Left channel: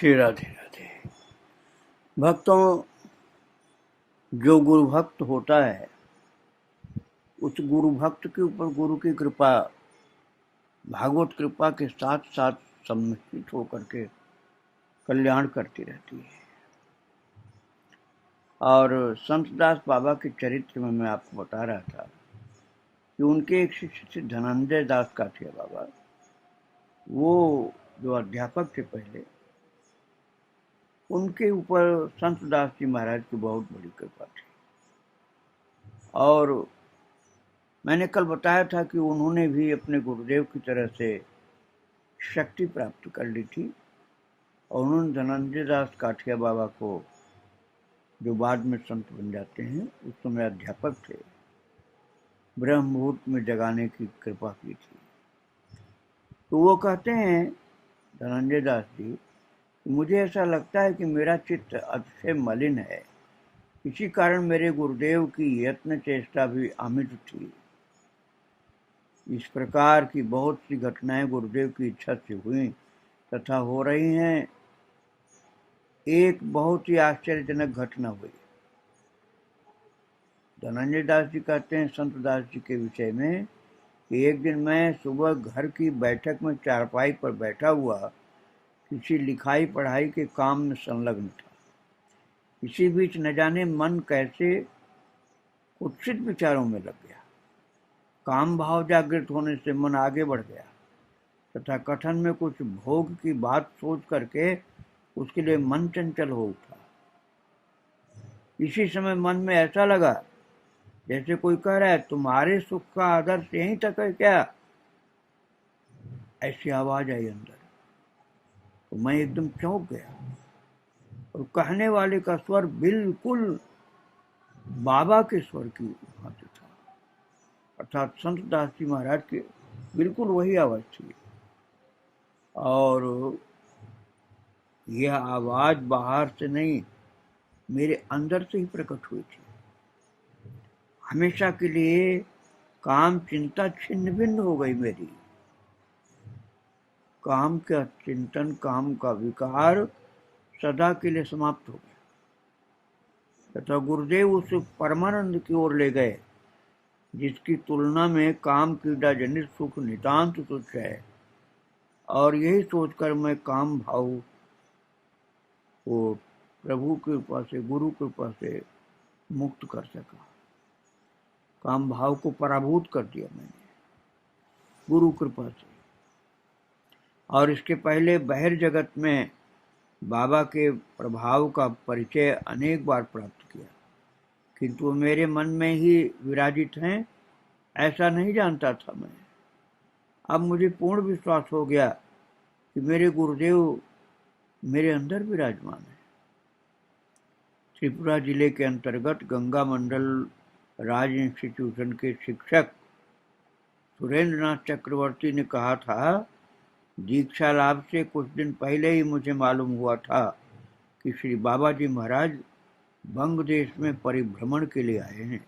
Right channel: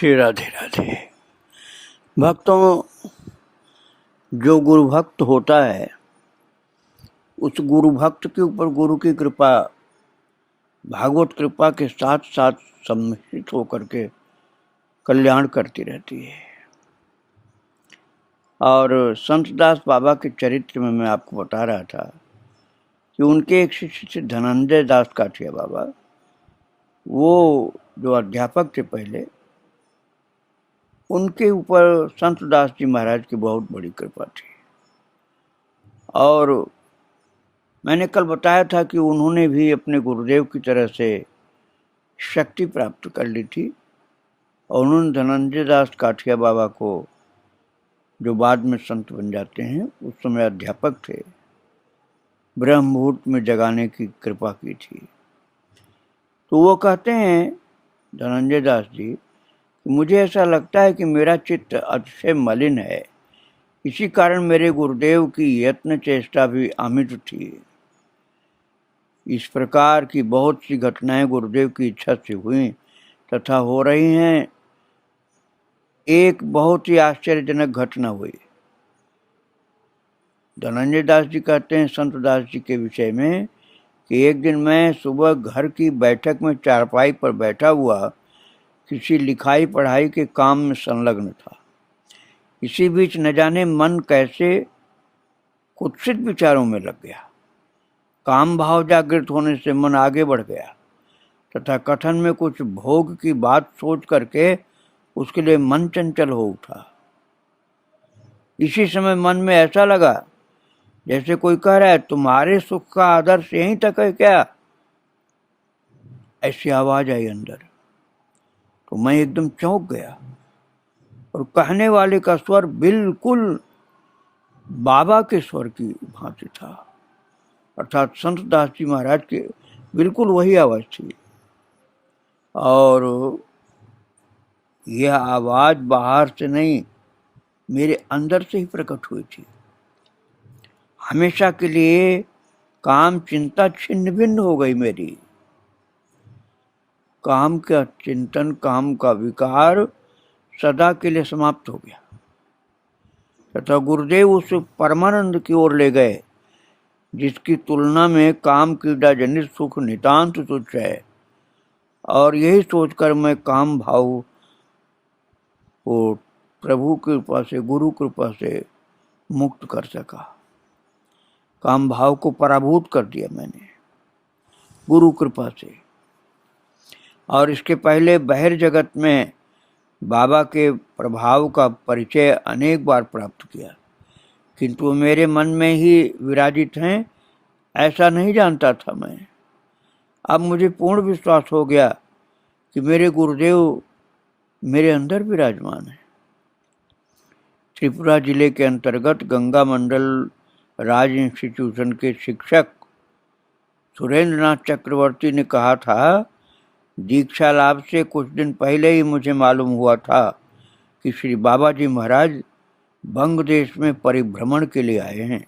श्री राधे राधे। भक्तों, जो गुरु भक्त होता है उस गुरु भक्त के ऊपर गुरु की कृपा भागवत कृपा के साथ साथ सम्मिलित होकर के कल्याण करती रहती है। और संतदास बाबा के चरित्र में मैं आपको बता रहा था कि उनके एक शिष्य थे धनंजय दास काठिया बाबा। वो जो अध्यापक थे पहले, उनके ऊपर संतदास जी महाराज की बहुत बड़ी कृपा थी। और मैंने कल बताया था कि उन्होंने भी अपने गुरुदेव की तरह से शक्ति प्राप्त कर ली थी और उन्होंने धनंजय दास काठिया बाबा को, जो बाद में संत बन जाते हैं, उस समय अध्यापक थे, ब्रह्म मुहूर्त में जगाने की कृपा की थी। तो वो कहते हैं धनंजय दास जी, मुझे ऐसा लगता है कि मेरा चित्त अतिशय मलिन है, इसी कारण मेरे गुरुदेव की यत्न चेष्टा भी अमित थी। इस प्रकार की बहुत सी घटनाएं गुरुदेव की इच्छा से हुई तथा हो रही हैं। एक बहुत ही आश्चर्यजनक घटना हुई। धनंजय दास जी कहते हैं संत दास जी के विषय में कि एक दिन मैं सुबह घर की बैठक में चारपाई पर बैठा हुआ किसी लिखाई पढ़ाई के काम में संलग्न था। इसी बीच न जाने मन कैसे कुत्सित विचारों में लग गया। काम भाव जागृत होने से मन आगे बढ़ गया तथा कथन में कुछ भोग की बात सोच करके उसके लिए मन चंचल हो उठा। इसी समय मन में ऐसा लगा जैसे कोई कह रहा है, तुम्हारे सुख का आदर्श यहीं तक है क्या? ऐसी आवाज आई अंदर। तो मैं एकदम चौंक गया और कहने वाले का स्वर बिल्कुल बाबा के स्वर की भांति था, अर्थात संत दास जी महाराज के बिल्कुल वही आवाज थी। और यह आवाज बाहर से नहीं, मेरे अंदर से ही प्रकट हुई थी। हमेशा के लिए काम चिंता छिन्न भिन्न हो गई मेरी। काम का चिंतन, काम का विकार सदा के लिए समाप्त हो गया तथा गुरुदेव उस परमानंद की ओर ले गए जिसकी तुलना में काम क्रीड़ा जनित सुख नितांत तुच्छ है। और यही सोचकर मैं काम भाव को प्रभु की कृपा से, गुरु कृपा से मुक्त कर सका। काम भाव को पराभूत कर दिया मैंने गुरु कृपा से। और इसके पहले बहिर जगत में बाबा के प्रभाव का परिचय अनेक बार प्राप्त किया, किंतु मेरे मन में ही विराजित हैं ऐसा नहीं जानता था मैं। अब मुझे पूर्ण विश्वास हो गया कि मेरे गुरुदेव मेरे अंदर विराजमान है। त्रिपुरा जिले के अंतर्गत गंगा मंडल राज इंस्टीट्यूशन के शिक्षक सुरेंद्र नाथ चक्रवर्ती ने कहा था, दीक्षा लाभ से कुछ दिन पहले ही मुझे मालूम हुआ था कि श्री बाबा जी महाराज बंग देश में परिभ्रमण के लिए आए हैं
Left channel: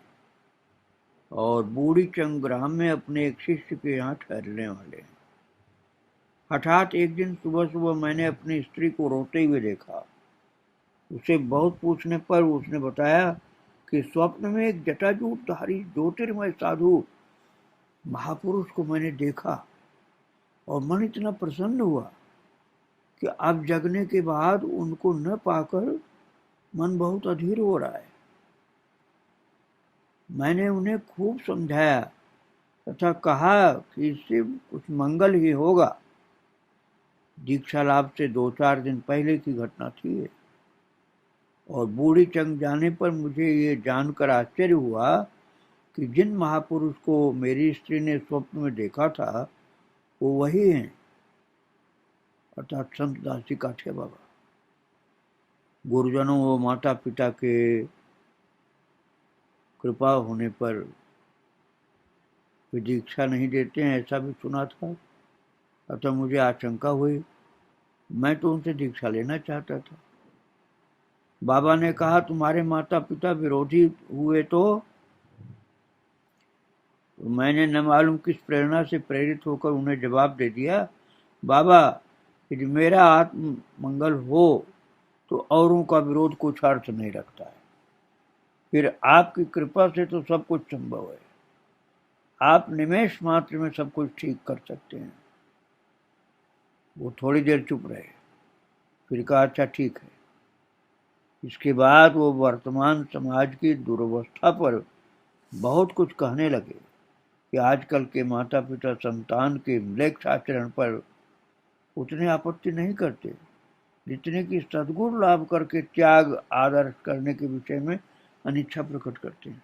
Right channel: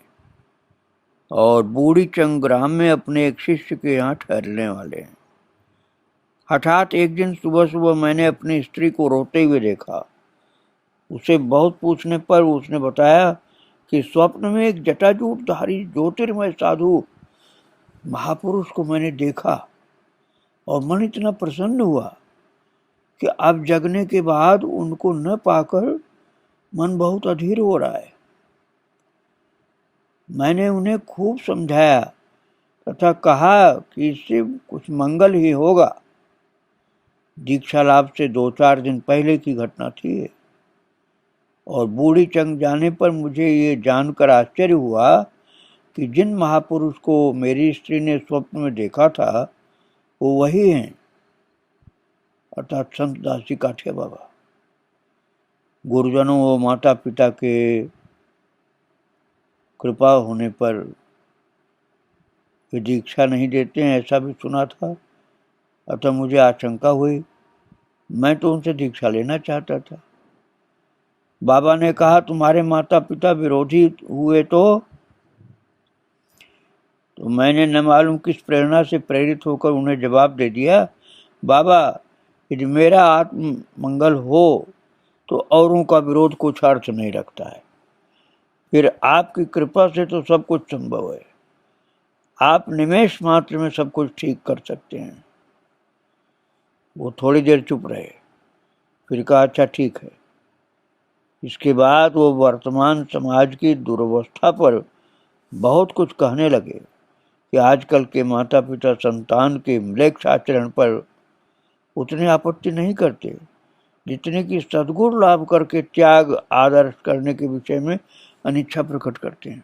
और बूढ़ी चंग ग्राम में अपने एक शिष्य के यहाँ ठहरने वाले हैं। हठात एक दिन सुबह सुबह मैंने अपनी स्त्री को रोते हुए देखा। उसे बहुत पूछने पर उसने बताया कि स्वप्न में एक जटाजूटधारी ज्योतिर्मय साधु महापुरुष को मैंने देखा और मन इतना प्रसन्न हुआ कि अब जगने के बाद उनको न पाकर मन बहुत अधीर हो रहा है। मैंने उन्हें खूब समझाया तथा कहा कि इससे कुछ मंगल ही होगा। दीक्षा लाभ से 2-4 दिन पहले की घटना थी और बूढ़ी चंग जाने पर मुझे ये जानकर आश्चर्य हुआ कि जिन महापुरुष को मेरी स्त्री ने स्वप्न में देखा था वो वही हैं, अर्थात संत दास जी काठिया बाबा। गुरुजनों व माता पिता के कृपा होने पर वे दीक्षा नहीं देते हैं ऐसा भी सुना था, अतः मुझे आशंका हुई। मैं तो उनसे दीक्षा लेना चाहता था। बाबा ने कहा, तुम्हारे माता पिता विरोधी हुए तो मैंने न मालूम किस प्रेरणा से प्रेरित होकर उन्हें जवाब दे दिया, बाबा यदि मेरा आत्म मंगल हो तो औरों का विरोध कुछ अर्थ नहीं रखता है। फिर आपकी कृपा से तो सब कुछ संभव है। आप निमेष मात्र में सब कुछ ठीक कर सकते हैं। वो थोड़ी देर चुप रहे, फिर कहा, अच्छा ठीक है। इसके बाद वो वर्तमान समाज की दुर्वस्था पर बहुत कुछ कहने लगे कि आजकल के माता पिता संतान के म्लेच्छ आचरण पर उतनी आपत्ति नहीं करते जितने कि सद्गुण लाभ करके त्याग आदर्श करने के विषय में अनिच्छा प्रकट करते हैं।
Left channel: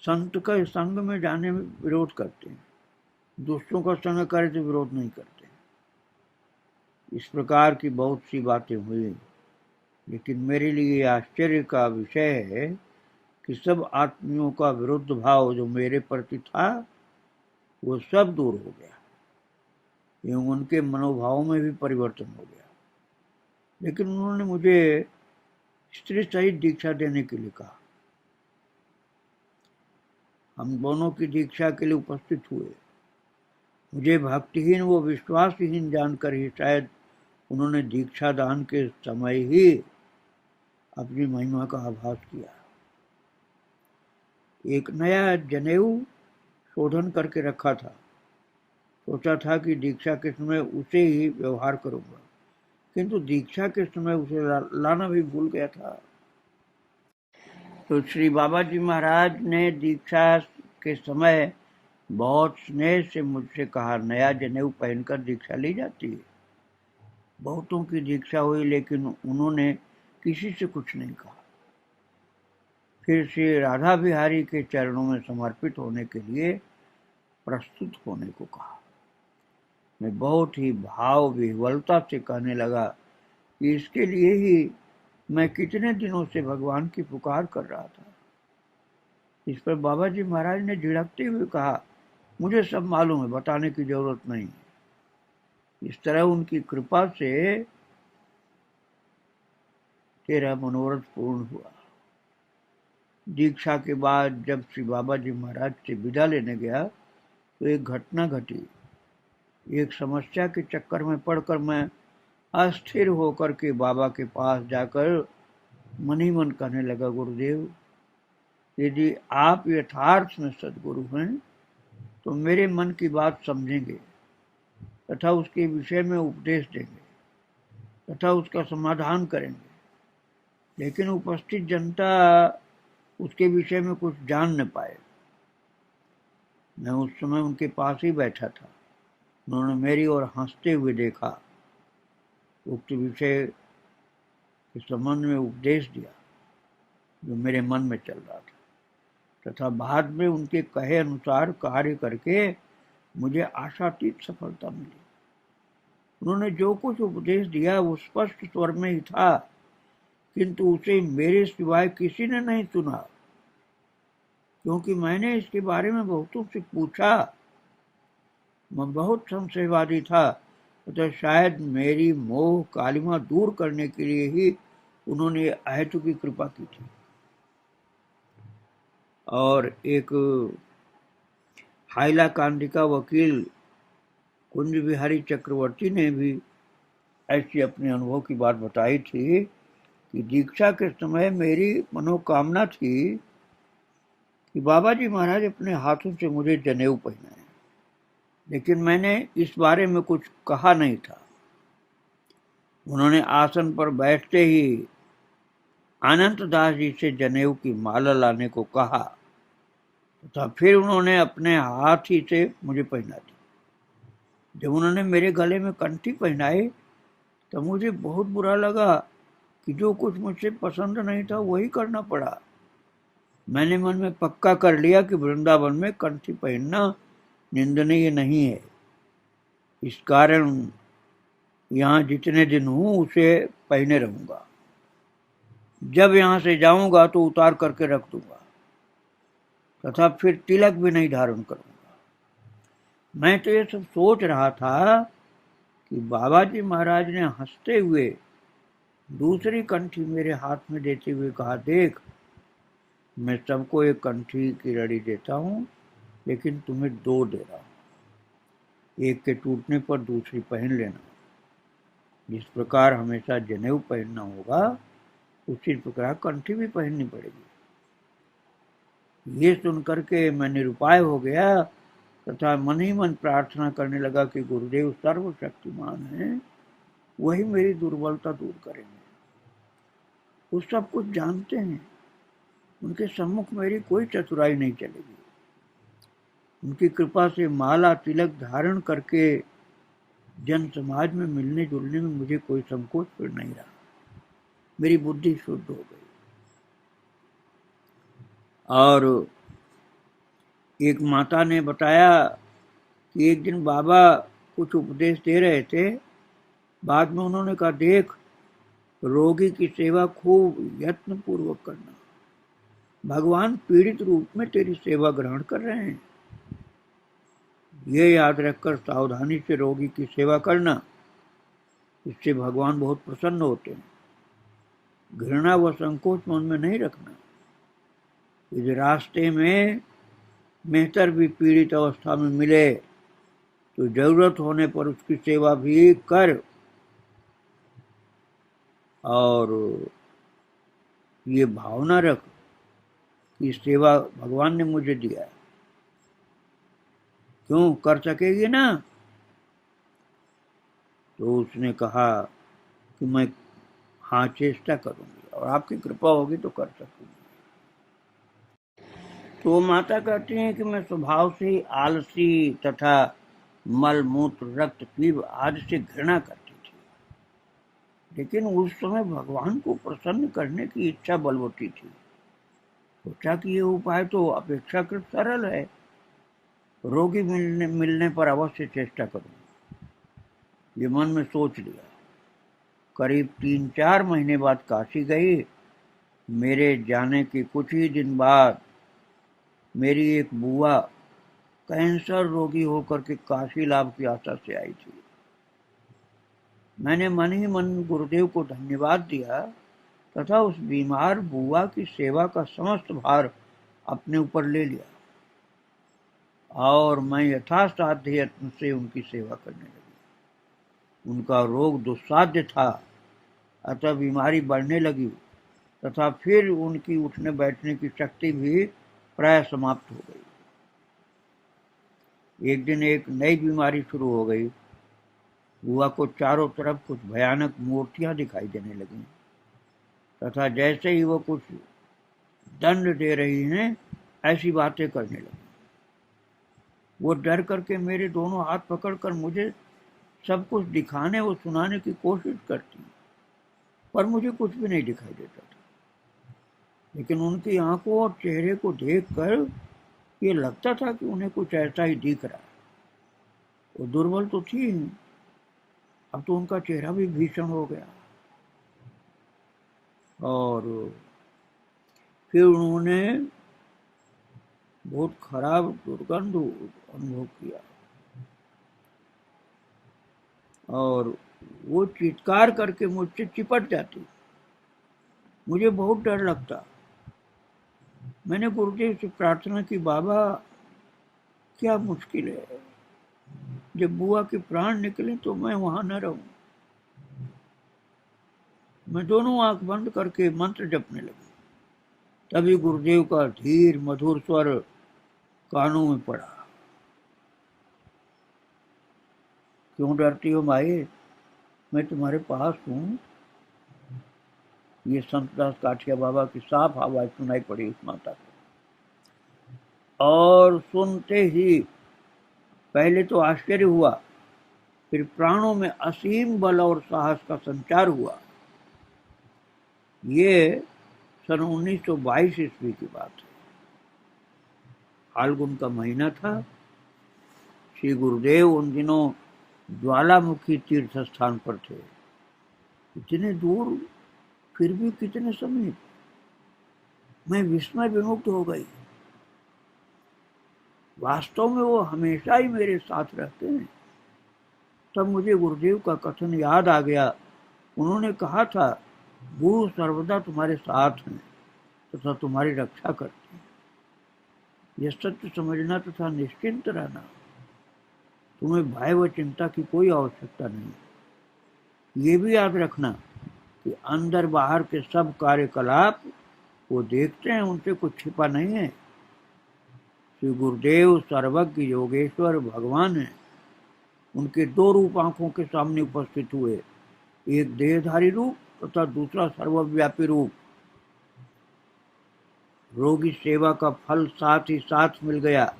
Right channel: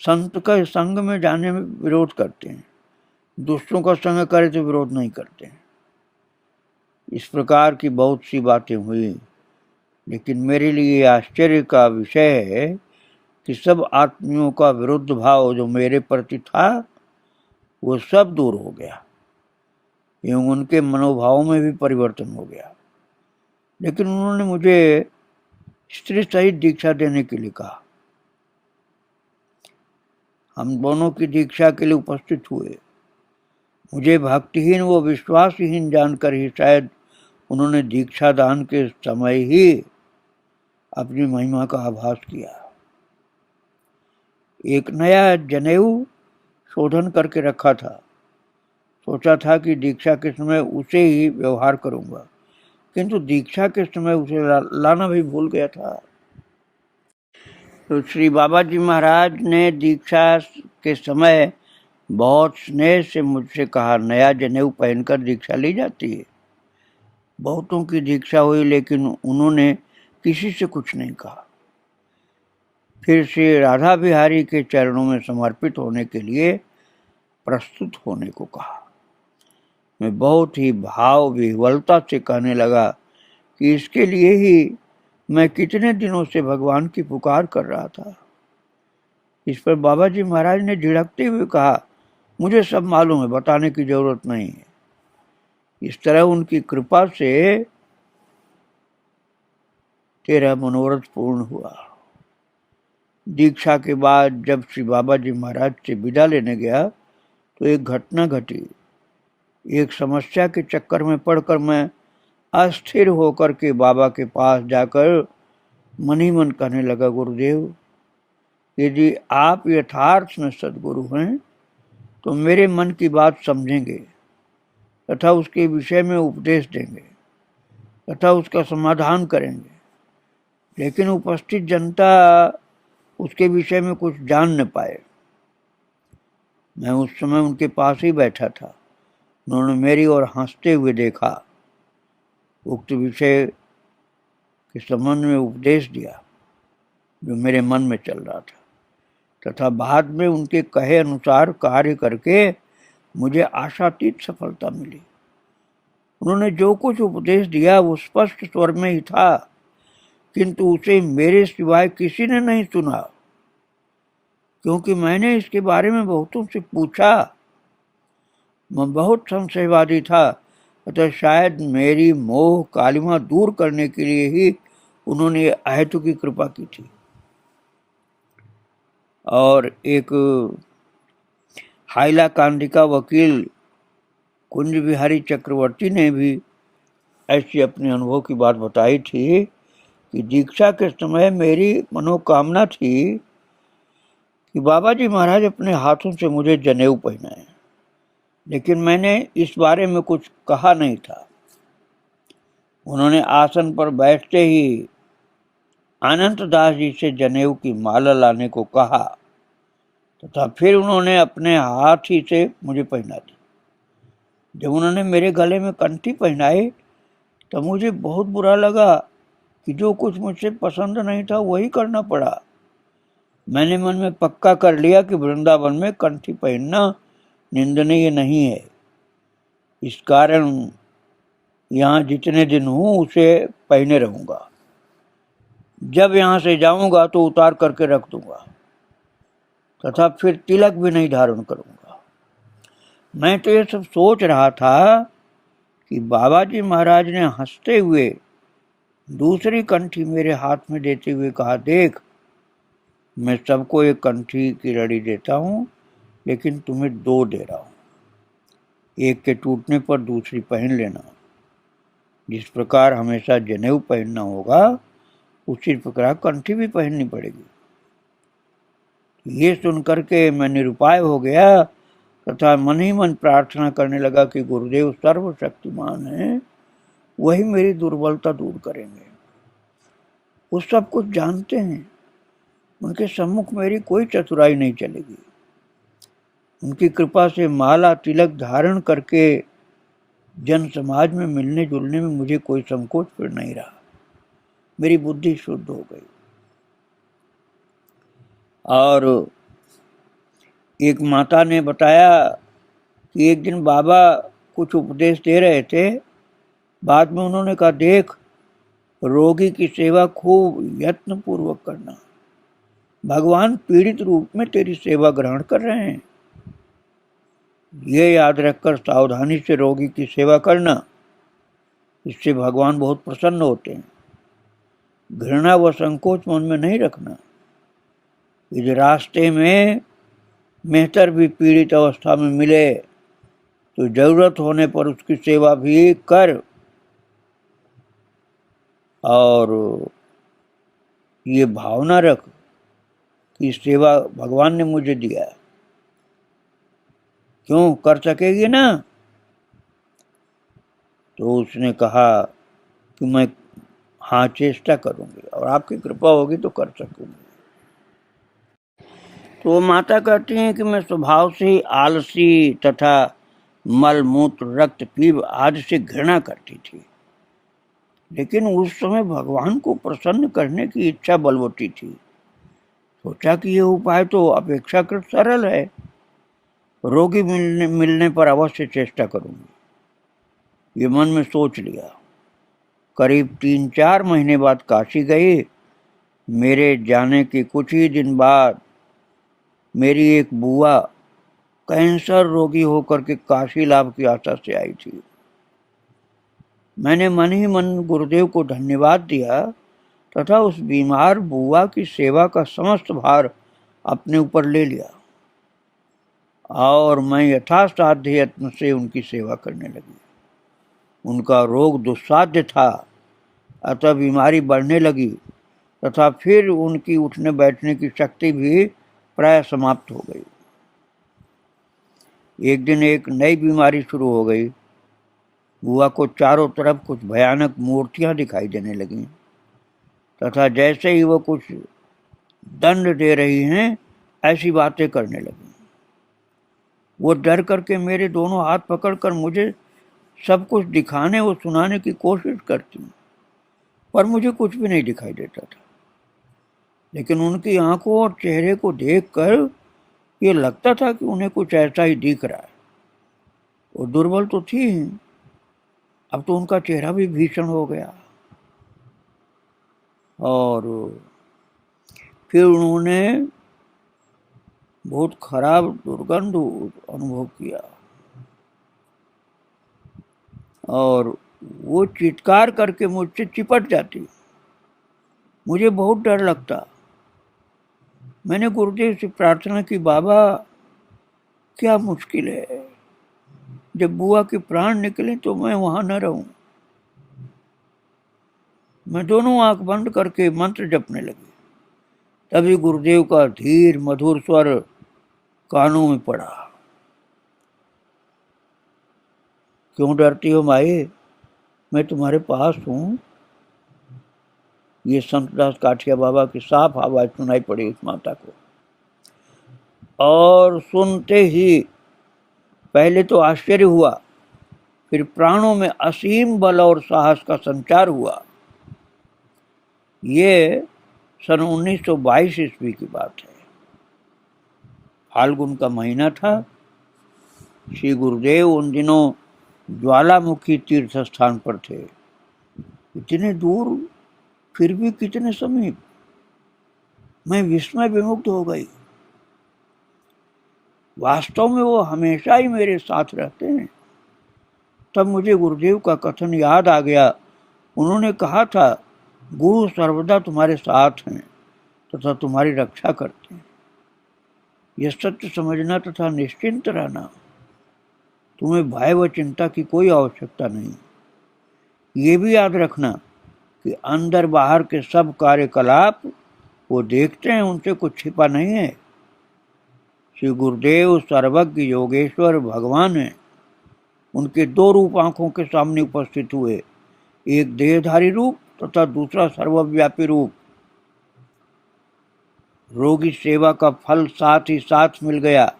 संत का संग में जाने में विरोध करते हैं, दूसरों का संग करे तो विरोध नहीं करते हैं। इस प्रकार की बहुत सी बातें हुई, लेकिन मेरे लिए आश्चर्य का विषय है कि सब आत्मियों का विरुद्ध भाव जो मेरे प्रति था वो सब दूर हो गया एवं उनके मनोभाव में भी परिवर्तन हो गया। लेकिन उन्होंने मुझे स्त्री सहित दीक्षा देने के लिए कहा। हम दोनों की दीक्षा के लिए उपस्थित हुए। मुझे भक्तिहीन व विश्वासहीन जानकर ही शायद उन्होंने दीक्षा दान के समय ही अपनी महिमा का आभास किया। एक नया जनेऊ शोधन करके रखा था। सोचा था कि दीक्षा के समय उसे ही व्यवहार करूंगा, किंतु दीक्षा के समय उसे लाना भी भूल गया था। तो श्री बाबा जी महाराज ने दीक्षा के समय बहुत स्नेह से मुझसे कहा, नया जनेऊ पहनकर दीक्षा ली जाती है। बहुतों की दीक्षा हुई, लेकिन उन्होंने किसी से कुछ नहीं कहा। फिर श्री राधा बिहारी के चरणों में समर्पित होने के लिए प्रस्तुत होने को कहा। मैं बहुत ही भाव विह्वलता से कहने लगा कि इसके लिए ही मैं कितने दिनों से भगवान की पुकार कर रहा था। इस पर बाबा जी महाराज ने झिड़कते हुए कहा, मुझे सब मालूम है, बताने की जरूरत नहीं है। इस तरह उनकी कृपा से तेरा मनोरथ पूर्ण हुआ। दीक्षा के बाद जब श्री बाबा जी महाराज से विदा लेने गया तो एक घटना घटी। एक समस्या के चक्कर में पड़कर मैं अस्थिर होकर के बाबा के पास जाकर मन ही मन कहने लगा, गुरुदेव, यदि आप यथार्थ में सद्गुरु हैं तो मेरे मन की बात समझेंगे तथा उसके विषय में उपदेश देंगे तथा उसका समाधान करेंगे, लेकिन उपस्थित जनता उसके विषय में कुछ जान न पाए। मैं उस समय उनके पास ही बैठा था। उन्होंने मेरी ओर हंसते हुए देखा, उक्त विषय के संबंध में उपदेश दिया जो मेरे मन में चल रहा था, तथा बाद में उनके कहे अनुसार कार्य करके मुझे आशातीत सफलता मिली। उन्होंने जो कुछ उपदेश दिया वो स्पष्ट स्वर में ही था, किंतु उसे मेरे सिवाय किसी ने नहीं सुना, क्योंकि मैंने इसके बारे में बहुतों से पूछा। मैं बहुत संशयवादी था, अतः शायद मेरी मोह कालिमा दूर करने के लिए ही उन्होंने अहेतु की कृपा की थी। और एक हाइलाकांडी का वकील कुंज बिहारी चक्रवर्ती ने भी ऐसी अपने अनुभव की बात बताई थी कि दीक्षा के समय मेरी मनोकामना थी कि बाबा जी महाराज अपने हाथों से मुझे जनेऊ पहनाएं, लेकिन मैंने इस बारे में कुछ कहा नहीं था। उन्होंने आसन पर बैठते ही अनंत दास जी से जनेऊ की माला लाने को कहा तथा फिर उन्होंने अपने हाथ ही से मुझे पहना दी। जब उन्होंने मेरे गले में कंठी पहनाई तो मुझे बहुत बुरा लगा कि जो कुछ मुझसे पसंद नहीं था वही करना पड़ा। मैंने मन में पक्का कर लिया कि वृंदावन में कंठी पहनना निंदनीय नहीं है। इस कारण यहाँ जितने दिन हूँ उसे पहने रहूँगा। जब यहाँ से जाऊँगा तो उतार करके रख दूँगा तथा फिर तिलक भी नहीं धारण करूँगा। मैं तो ये सब सोच रहा था कि बाबा जी महाराज ने हंसते हुए दूसरी कंठी मेरे हाथ में देते हुए कहा, देख, मैं सबको एक कंठी की लड़ी देता हूँ, लेकिन तुम्हें दो दे रहा हूँ। एक के टूटने पर दूसरी पहन लेना। जिस प्रकार हमेशा जनेऊ पहनना होगा, उसी प्रकार कंठी भी पहननी पड़ेगी। ये सुनकर के मैं निरुपाय हो गया तथा मन ही मन प्रार्थना करने लगा कि गुरुदेव सर्वशक्तिमान हैं, वही मेरी दुर्बलता दूर करेंगे। वो सब कुछ जानते हैं, उनके सम्मुख मेरी कोई चतुराई नहीं चलेगी। उनकी कृपा से माला तिलक धारण करके जन समाज में मिलने जुलने में मुझे कोई संकोच फिर नहीं रहा। मेरी बुद्धि शुद्ध हो गई। और एक माता ने बताया कि एक दिन बाबा कुछ उपदेश दे रहे थे। बाद में उन्होंने कहा, देख, रोगी की सेवा खूब यत्न पूर्वक करना। भगवान पीड़ित रूप में तेरी सेवा ग्रहण कर रहे हैं। ये याद रखकर सावधानी से रोगी की सेवा करना, इससे भगवान बहुत प्रसन्न होते हैं। घृणा व संकोच मन में नहीं रखना। इस रास्ते में मेहतर भी पीड़ित अवस्था में मिले तो जरूरत होने पर उसकी सेवा भी कर। और ये भावना रख कि सेवा भगवान ने मुझे दिया है, क्यों कर सकेगी ना? तो उसने कहा कि मैं हाँ चेष्टा करूंगी और आपकी कृपा होगी तो कर सकूंगी। तो माता कहती हैं कि मैं स्वभाव से ही आलसी तथा मल मूत्र रक्त पीव आदि से घृणा करती थी, लेकिन उस समय भगवान को प्रसन्न करने की इच्छा बलवती थी। सोचा कि यह उपाय तो अपेक्षाकृत सरल है, रोगी मिलने पर अवश्य चेष्टा करूंगी। ये मन में सोच लिया। करीब 3-4 महीने बाद काशी गई। मेरे जाने के कुछ ही दिन बाद मेरी एक बुआ कैंसर रोगी होकर के काशी लाभ की आशा से आई थी। मैंने मन ही मन गुरुदेव को धन्यवाद दिया तथा उस बीमार बुआ की सेवा का समस्त भार अपने ऊपर ले लिया और मैं यथासाध्य यत्न से उनकी सेवा करने लगी। उनका रोग दुस्साध्य था, अतः बीमारी बढ़ने लगी तथा फिर उनकी उठने बैठने की शक्ति भी प्राय समाप्त हो गई। एक दिन एक नई बीमारी शुरू हो गई। बुआ को चारों तरफ कुछ भयानक मूर्तियां दिखाई देने लगीं तथा जैसे ही वो कुछ दंड दे रही हैं, ऐसी बातें करने लगी। वो डर करके मेरे दोनों हाथ पकड़कर मुझे सब कुछ दिखाने और सुनाने की कोशिश करती, पर मुझे कुछ भी नहीं दिखाई देता था। लेकिन उनकी आंखों और चेहरे को देखकर ये लगता था कि उन्हें कुछ ऐसा ही दिख रहा है। वो दुर्बल तो थी, अब तो उनका चेहरा भी भीषण हो गया। और फिर उन्होंने बहुत खराब दुर्गंध अनुभव किया और वो चित्कार करके मुझसे चिपट जाती। मुझे बहुत डर लगता। मैंने गुरुदेव से प्रार्थना की, बाबा क्या मुश्किल है, जब बुआ के प्राण निकले तो मैं वहां न रहूं। मैं दोनों आंख बंद करके मंत्र जपने लगी। तभी गुरुदेव का धीर मधुर स्वर कानों में पड़ा, क्यों डरती हो माए, मैं तुम्हारे पास हूं। ये संतदास काठिया बाबा की साफ आवाज सुनाई पड़ी उस माता को। और सुनते ही पहले तो आश्चर्य हुआ, फिर प्राणों में असीम बल और साहस का संचार हुआ। ये सन 1922 ईस्वी की बात है। फाल्गुन का महीना था। श्री गुरुदेव उन दिनों ज्वालामुखी तीर्थ स्थान पर थे। इतने दूर फिर भी कितने समीप। मैं विस्मय विमुग्ध हो गई। वास्तव में वो हमेशा ही मेरे साथ रहते हैं। तब मुझे गुरुदेव का कथन याद आ गया। उन्होंने कहा था, गुरु सर्वदा तुम्हारे साथ हैं तथा तुम्हारी रक्षा करते हैं। यह सत्य समझना तथा निश्चिंत रहना तुम्हें भय व चिंता की कोई आवश्यकता नहीं। ये भी याद रखना कि अंदर बाहर के सब कार्यकलाप वो देखते हैं, उनसे कुछ छिपा नहीं है। श्री गुरुदेव सर्वज्ञ योगेश्वर भगवान हैं। उनके दो रूप आंखों के सामने उपस्थित हुए, एक देहधारी रूप तथा दूसरा सर्वव्यापी रूप। रोगी सेवा का फल साथ ही साथ मिल गया।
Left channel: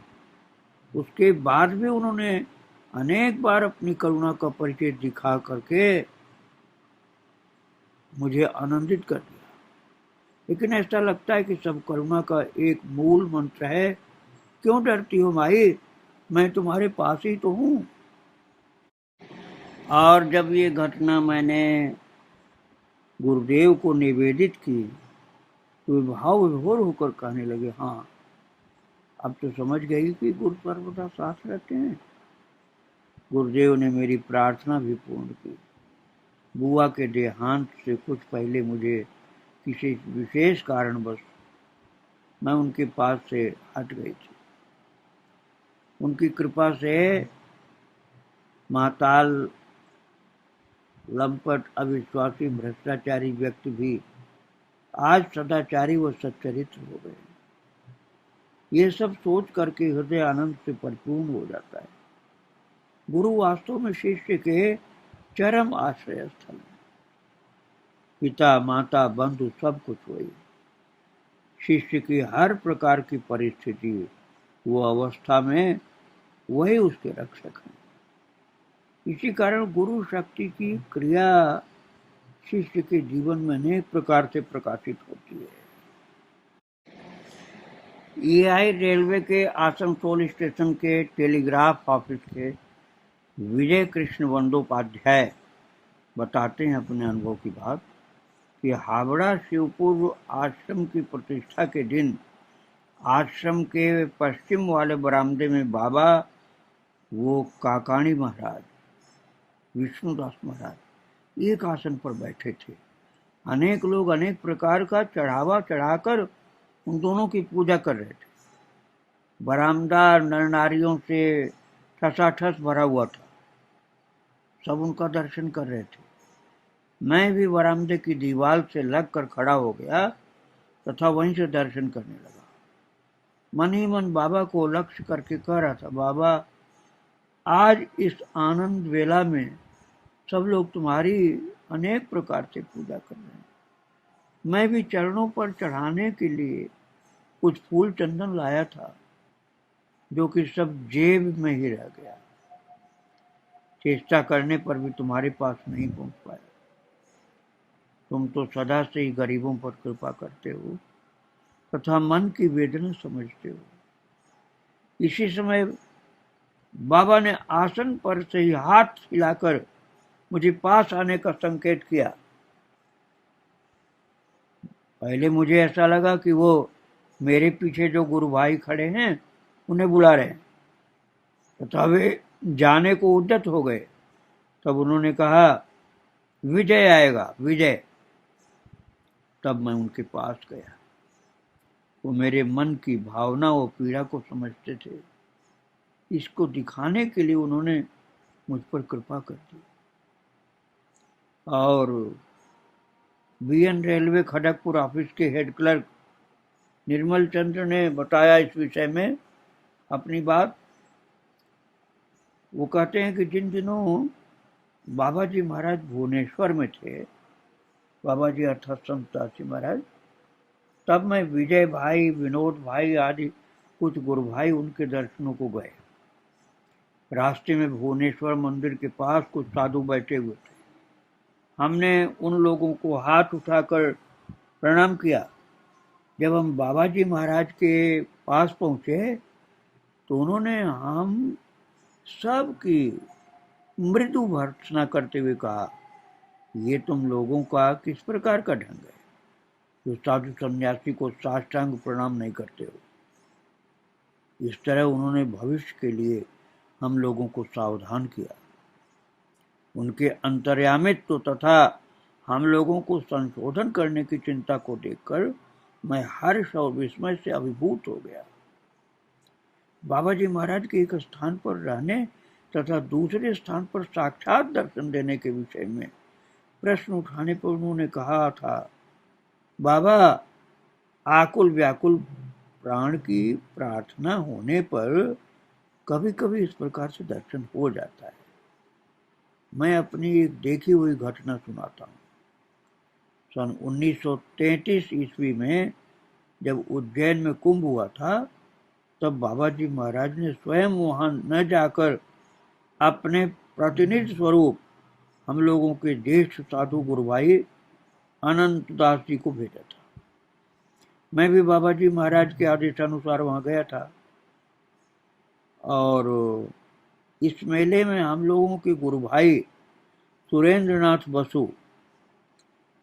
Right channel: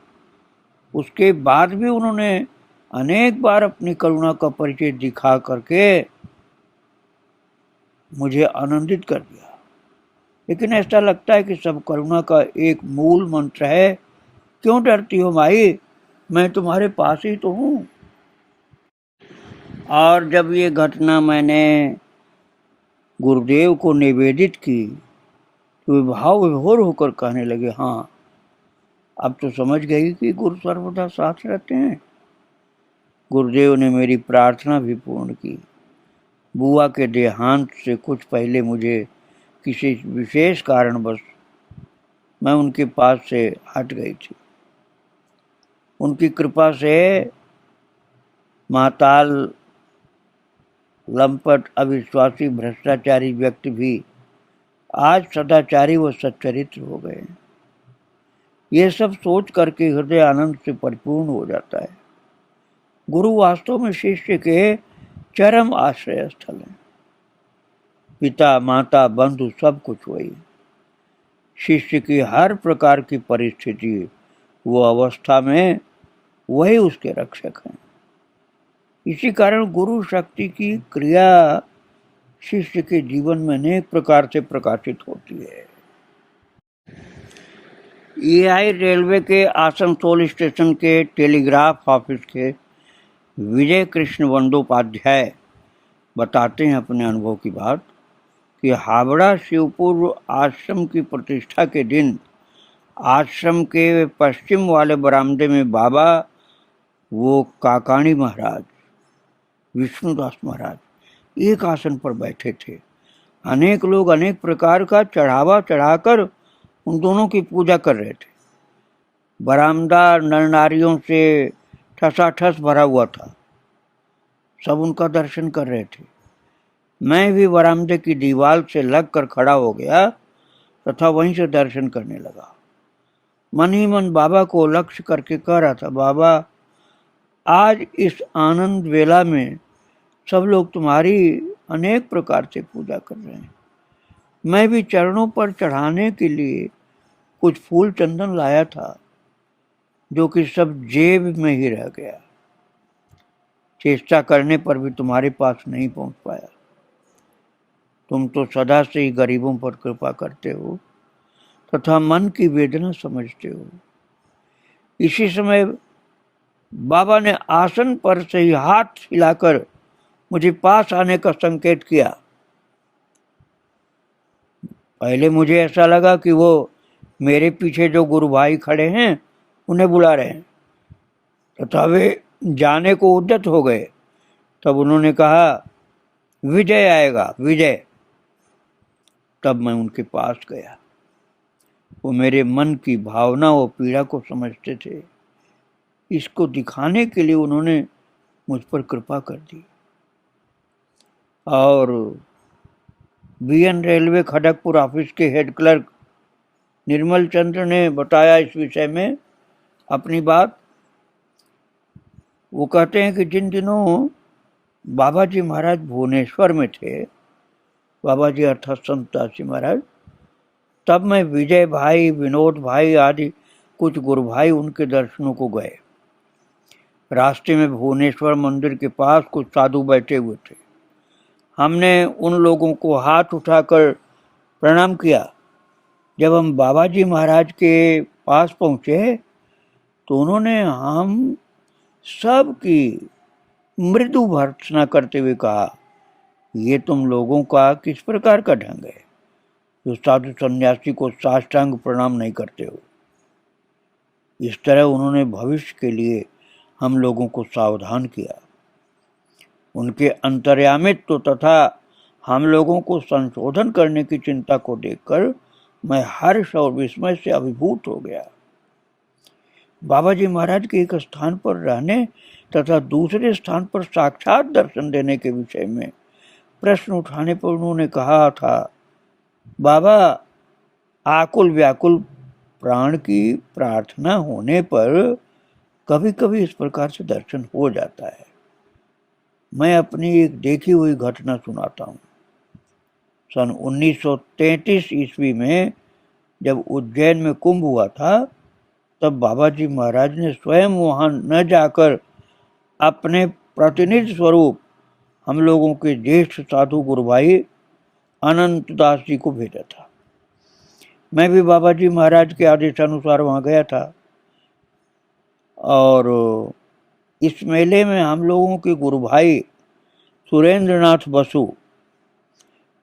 उसके बाद भी उन्होंने अनेक बार अपनी करुणा का परिचय दिखा करके मुझे आनंदित कर दिया। लेकिन ऐसा लगता है कि सब करुणा का एक मूल मंत्र है, क्यों डरती हो माई, मैं तुम्हारे पास ही तो हूं। और जब ये घटना मैंने गुरुदेव को निवेदित की तो वे भाव विभोर होकर कहने लगे, हाँ अब तो समझ गई कि गुरु सर्वदा साथ रहते हैं। गुरुदेव ने मेरी प्रार्थना भी पूर्ण की। बुआ के देहांत से कुछ पहले मुझे किसी विशेष कारणवश मैं उनके पास से हट गई थी। उनकी कृपा से महाताल लंपट अविश्वासी भ्रष्टाचारी व्यक्ति भी आज सदाचारी व सच्चरित्र हो गए। ये सब सोच करके हृदय आनंद से परिपूर्ण हो जाता है। गुरु वास्तव में शिष्य के चरम आश्रय स्थल है। पिता माता बंधु सब कुछ वही। शिष्य की हर प्रकार की परिस्थिति वो अवस्था में वही उसके रक्षक हैं। इसी कारण गुरु शक्ति की क्रिया शिष्य के जीवन में अनेक प्रकार से प्रकाशित होती है। एआई रेलवे के आसनसोल स्टेशन के टेलीग्राफ ऑफिस के विजय कृष्ण बंदोपाध्याय बताते हैं अपने अनुभव की बात कि हावड़ा शिवपुर आश्रम की प्रतिष्ठा के दिन आश्रम के पश्चिम वाले बरामदे में बाबा वो काकाणी महाराज, विष्णुदास महाराज एक आसन पर बैठे थे। अनेक लोग अनेक प्रकार का चढ़ावा चढ़ाकर उन दोनों की पूजा कर रहे थे। बरामदा नर नारियों से ठसाठस भरा हुआ था। सब उनका दर्शन कर रहे थे। मैं भी बरामदे की दीवार से लगकर खड़ा हो गया तथा वहीं से दर्शन करने लगा। मन ही मन बाबा को लक्ष्य करके कह रहा था, बाबा आज इस आनंद वेला में सब लोग तुम्हारी अनेक प्रकार से पूजा कर रहे हैं। मैं भी चरणों पर चढ़ाने के लिए कुछ फूल चंदन लाया था, जो कि सब जेब में ही रह गया। चेष्टा करने पर भी तुम्हारे पास नहीं पहुंच पाया। तुम तो सदा से ही गरीबों पर कृपा करते हो तथा मन की वेदना समझते हो। इसी समय बाबा ने आसन पर से ही हाथ हिलाकर मुझे पास आने का संकेत किया। पहले मुझे ऐसा लगा कि वो मेरे पीछे जो गुरु भाई खड़े हैं उन्हें बुला रहे हैं तथा वे जाने को उद्यत हो गए। तब उन्होंने कहा, विजय आएगा, विजय। तब मैं उनके पास गया। वो मेरे मन की भावना व पीड़ा को समझते थे। इसको दिखाने के लिए उन्होंने मुझ पर कृपा कर दी। और बीएन रेलवे खड़गपुर ऑफिस के हेड क्लर्क निर्मल चंद्र ने बताया इस विषय में अपनी बात। वो कहते हैं कि जिन दिनों बाबा जी महाराज भुवनेश्वर में थे, बाबा जी अर्थात संत दासी महाराज, तब मैं विजय भाई, विनोद भाई आदि कुछ गुरु भाई उनके दर्शनों को गए। रास्ते में भुवनेश्वर मंदिर के पास कुछ साधु बैठे हुए थे। हमने उन लोगों को हाथ उठाकर प्रणाम किया। जब हम बाबा जी महाराज के पास पहुँचे तो उन्होंने हम सब की मृदु भर्त्सना करते हुए कहा, ये तुम लोगों का किस प्रकार का ढंग है जो साधु सन्यासी को साष्टांग प्रणाम नहीं करते हो। इस तरह उन्होंने भविष्य के लिए हम लोगों को सावधान किया। उनके अंतर्यामित्व तथा हम लोगों को संशोधन करने की चिंता को देखकर मैं हर्ष और विस्मय से अभिभूत हो गया। बाबा जी महाराज के एक स्थान पर रहने तथा दूसरे स्थान पर साक्षात दर्शन देने के विषय में प्रश्न उठाने पर उन्होंने कहा था, बाबा, आकुल व्याकुल प्राण की प्रार्थना होने पर कभी कभी इस प्रकार से दर्शन हो जाता है। मैं अपनी एक देखी हुई घटना सुनाता हूँ। सन 1933 ईस्वी में जब उज्जैन में कुंभ हुआ था, तब बाबा जी महाराज ने स्वयं वहां न जाकर अपने प्रतिनिधि स्वरूप हम लोगों के ज्येष्ठ साधु गुरु भाई अनंत दास जी को भेजा था। मैं भी बाबा जी महाराज के आदेशानुसार वहां गया था और इस मेले में हम लोगों के गुरु भाई सुरेंद्र नाथ बसु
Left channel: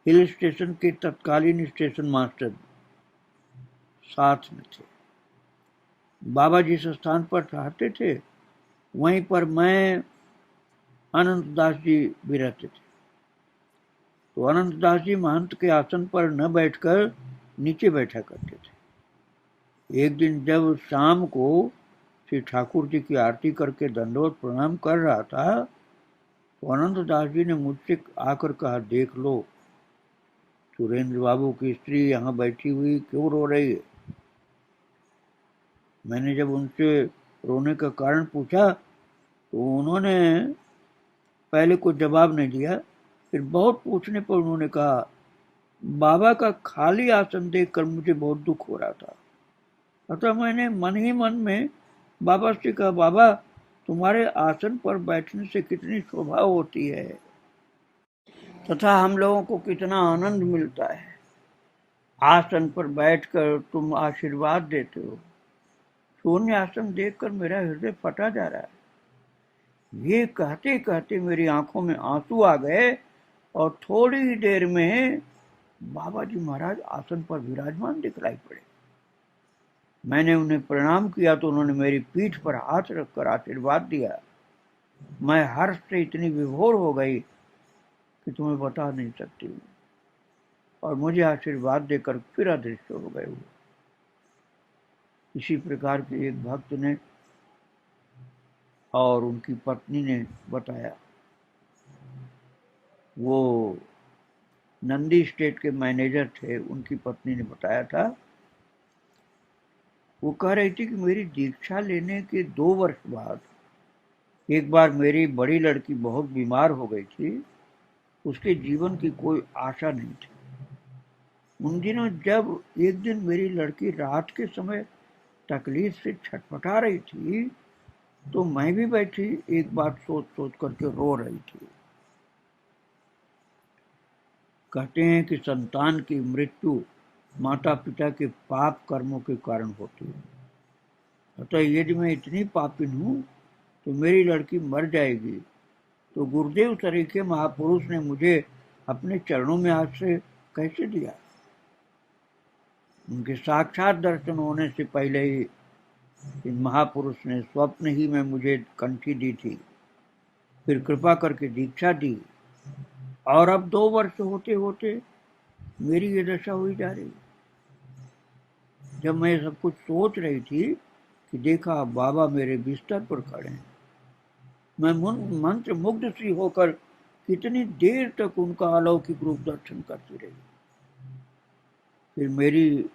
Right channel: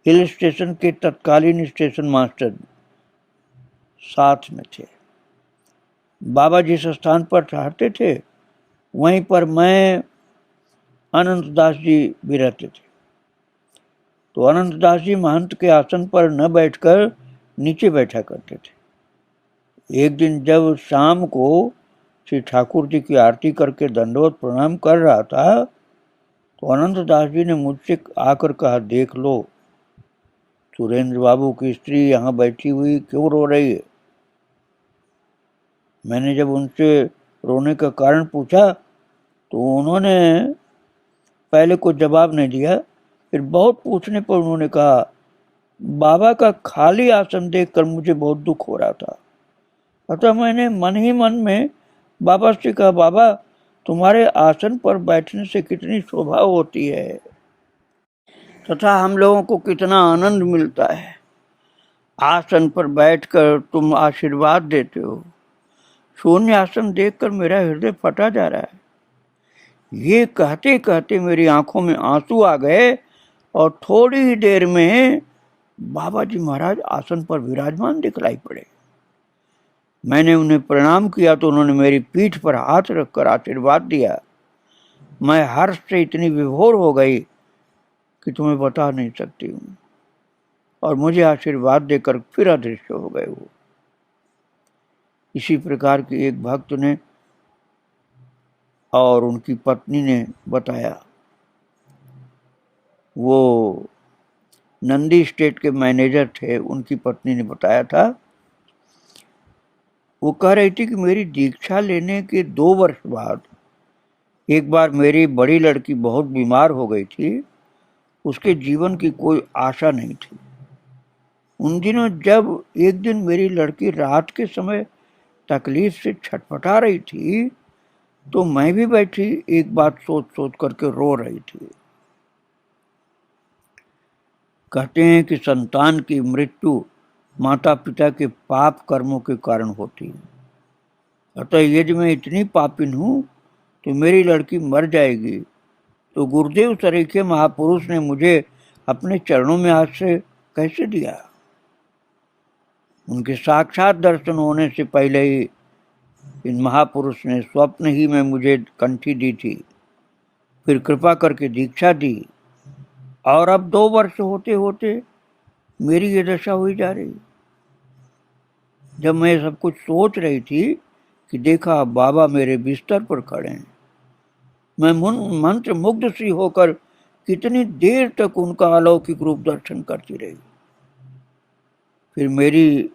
हिल स्टेशन के तत्कालीन स्टेशन मास्टर साथ में थे। बाबा जिस स्थान पर ठहरते थे वहीं पर मैं अनंत दास जी भी रहते थे। तो अनंत दास जी महंत के आसन पर न बैठकर नीचे बैठा करते थे। एक दिन जब शाम को श्री ठाकुर जी की आरती करके दंडवत प्रणाम कर रहा था, तो अनंत दास जी ने मुझसे आकर कहा, देख लो, सुरेंद्र बाबू की स्त्री यहाँ बैठी हुई क्यों रो रही है। मैंने जब उनसे रोने का कारण पूछा तो उन्होंने पहले कुछ जवाब नहीं दिया। फिर बहुत पूछने पर उन्होंने कहा, बाबा का खाली आसन देखकर मुझे बहुत दुख हो रहा था। अतः मैंने मन ही मन में बाबा से कहा, बाबा, तुम्हारे आसन पर बैठने से कितनी शोभा होती है तथा हम लोगों को कितना आनंद मिलता है। आसन पर बैठकर तुम आशीर्वाद देते हो। शून्य आसन देखकर मेरा हृदय फटा जा रहा है। ये कहते कहते मेरी आंखों में आंसू आ गए और थोड़ी ही देर में बाबा जी महाराज आसन पर विराजमान दिखलाई पड़े। मैंने उन्हें प्रणाम किया तो उन्होंने मेरी पीठ पर हाथ रखकर आशीर्वाद दिया। मैं हर्ष से इतनी विभोर हो गई कि तुम्हें बता नहीं सकती हूँ, और मुझे आशीर्वाद देकर फिर अदृश्य हो गए वो। इसी प्रकार की एक भक्त ने और उनकी पत्नी ने बताया। वो नंदी स्टेट के मैनेजर थे, उनकी पत्नी ने बताया था। वो कह रही थी कि मेरी दीक्षा लेने के 2 वर्ष बाद एक बार मेरी बड़ी लड़की बहुत बीमार हो गई थी। उसके जीवन की कोई आशा नहीं थी। उन दिनों जब एक दिन मेरी लड़की रात के समय तकलीफ से छटपटा रही थी, तो मैं भी बैठी एक बात सोच सोच करके रो रही थी। कहते हैं कि संतान की मृत्यु माता पिता के पाप कर्मों के कारण होती है। अतः यदि मैं इतनी पापिन हूँ तो मेरी लड़की मर जाएगी, तो गुरुदेव सरीखे महापुरुष ने मुझे अपने चरणों में आश्रय कैसे दिया। उनके साक्षात दर्शन होने से पहले ही इन महापुरुष ने स्वप्न ही में मुझे कंठी दी थी, फिर कृपा करके दीक्षा दी, और अब 2 वर्ष होते होते मेरी ये दशा हुई जा रही। जब मैं सब कुछ सोच रही थी कि देखा बाबा मेरे बिस्तर पर खड़े हैं। मैं मंत्र मुग्ध सी होकर कितनी देर तक उनका अलौकिक रूप दर्शन करती रही। फिर मेरी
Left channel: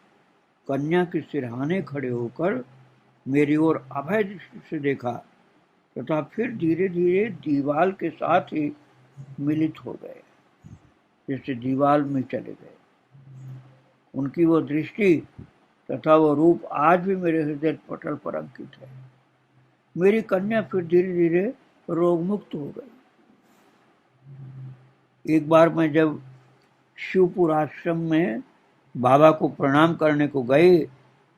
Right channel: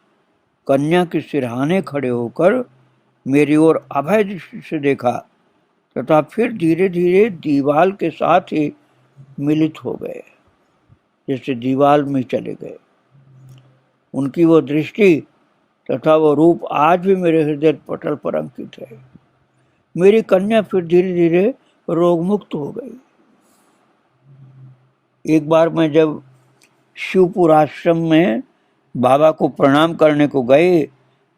कन्या के सिरहाने खड़े होकर मेरी ओर अभय दृष्टि से देखा तथा फिर धीरे धीरे दीवाल के साथ ही मिलित हो गए, जैसे दीवाल में चले गए। उनकी वो दृष्टि तथा वो रूप आज भी मेरे हृदय पटल पर अंकित है। मेरी कन्या फिर धीरे धीरे रोग मुक्त हो गई। एक बार मैं जब शिवपुर आश्रम में बाबा को प्रणाम करने को गए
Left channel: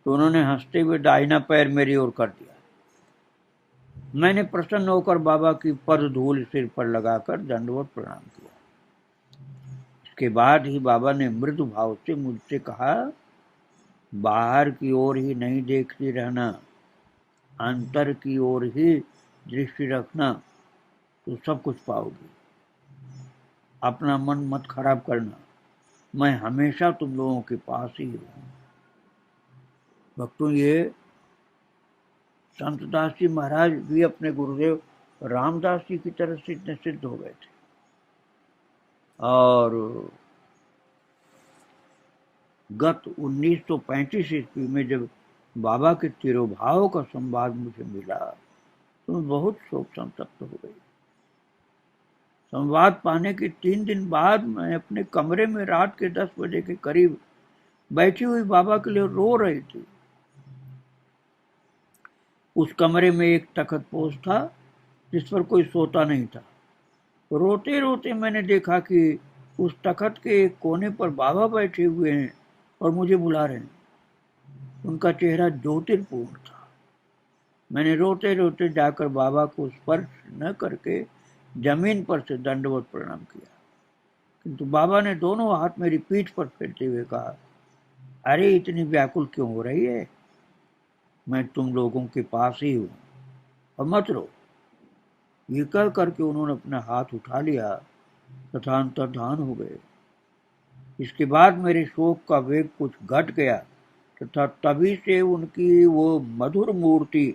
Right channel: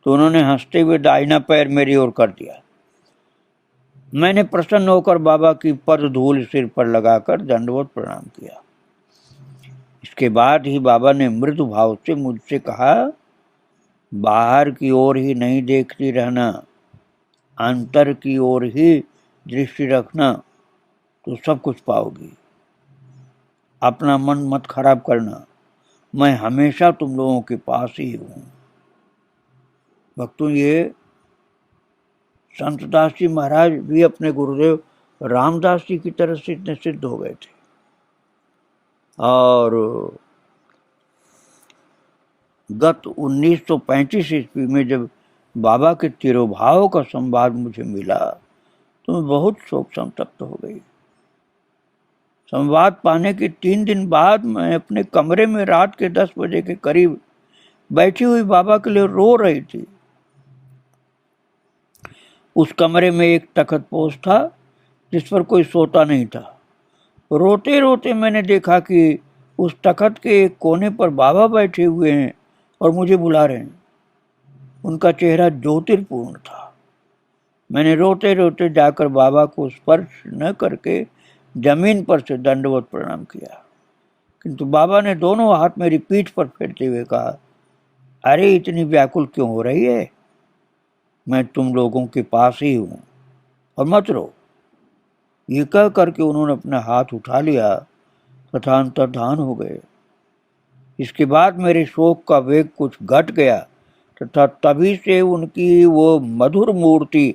तो उन्होंने हंसते हुए दाहिना पैर मेरी ओर कर दिया। मैंने प्रसन्न होकर बाबा की पद धूल सिर पर लगाकर दंडवत प्रणाम किया। इसके बाद ही बाबा ने मृदु भाव से मुझसे कहा, बाहर की ओर ही नहीं देखती रहना, अंतर की ओर ही दृष्टि रखना तो सब कुछ पाओगी। अपना मन मत खराब करना, मैं हमेशा तुम लोगों के पास ही हूँ। भक्तों, ये संत दास जी महाराज भी अपने गुरुदेव रामदास जी की तरफ से इतने सिद्ध हो गए थे। और गत 1935 ईस्वी में जब बाबा के तिरोभाव का संवाद मुझे मिला तो मैं बहुत शोक संतप्त हो गई। संवाद पाने के 3 दिन बाद मैं अपने कमरे में रात के 10 बजे के करीब बैठी हुई बाबा के लिए रो रही थी। उस कमरे में एक तख्तपोश था जिस पर कोई सोता नहीं था। रोते रोते मैंने देखा कि उस तख्त के एक कोने पर बाबा बैठे हुए हैं और मुझे बुला रहे हैं। उनका चेहरा ज्योतिर्पूर्ण था। मैंने रोते रोते जाकर बाबा को स्पर्श न करके जमीन पर से दंडवत प्रणाम किया, किंतु बाबा ने दोनों हाथ मेरी पीठ पर फेरते हुए कहा, अरे इतनी व्याकुल क्यों हो रही है, मैं तुम लोगों के पास ही हूं और मत रो। ये कह करके उन्होंने अपना हाथ उठा लिया तथा अंतर्धान हो गए। इसके बाद मेरे शोक का वेग कुछ घट गया तथा तभी से उनकी वो मधुर मूर्ति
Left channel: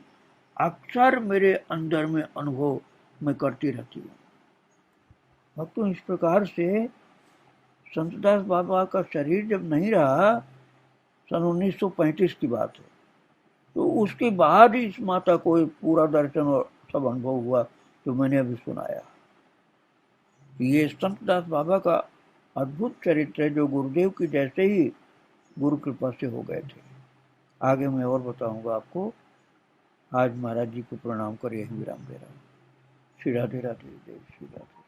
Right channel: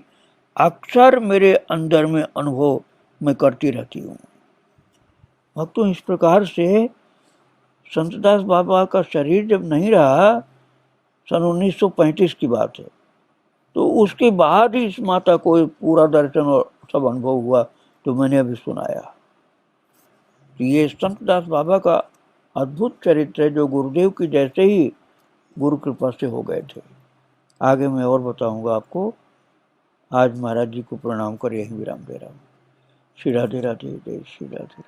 अक्सर मेरे अंदर में अनुभव मैं करती रहती हूँ। भक्तों, इस प्रकार से संतदास बाबा का शरीर जब नहीं रहा, सन 1935 की बात है, तो उसके बाद ही इस माता को पूरा दर्शन और सब अनुभव हुआ तो मैंने अभी सुनाया। ये संतदास बाबा का अद्भुत चरित्र है जो गुरुदेव की जैसे ही गुरु कृपा से हो गए थे। आगे मैं और बताऊंगा आपको। आज महाराज जी को प्रणाम कर यही विराम दे रहा हूँ। श्री राधे राधे, जय श्री राधे।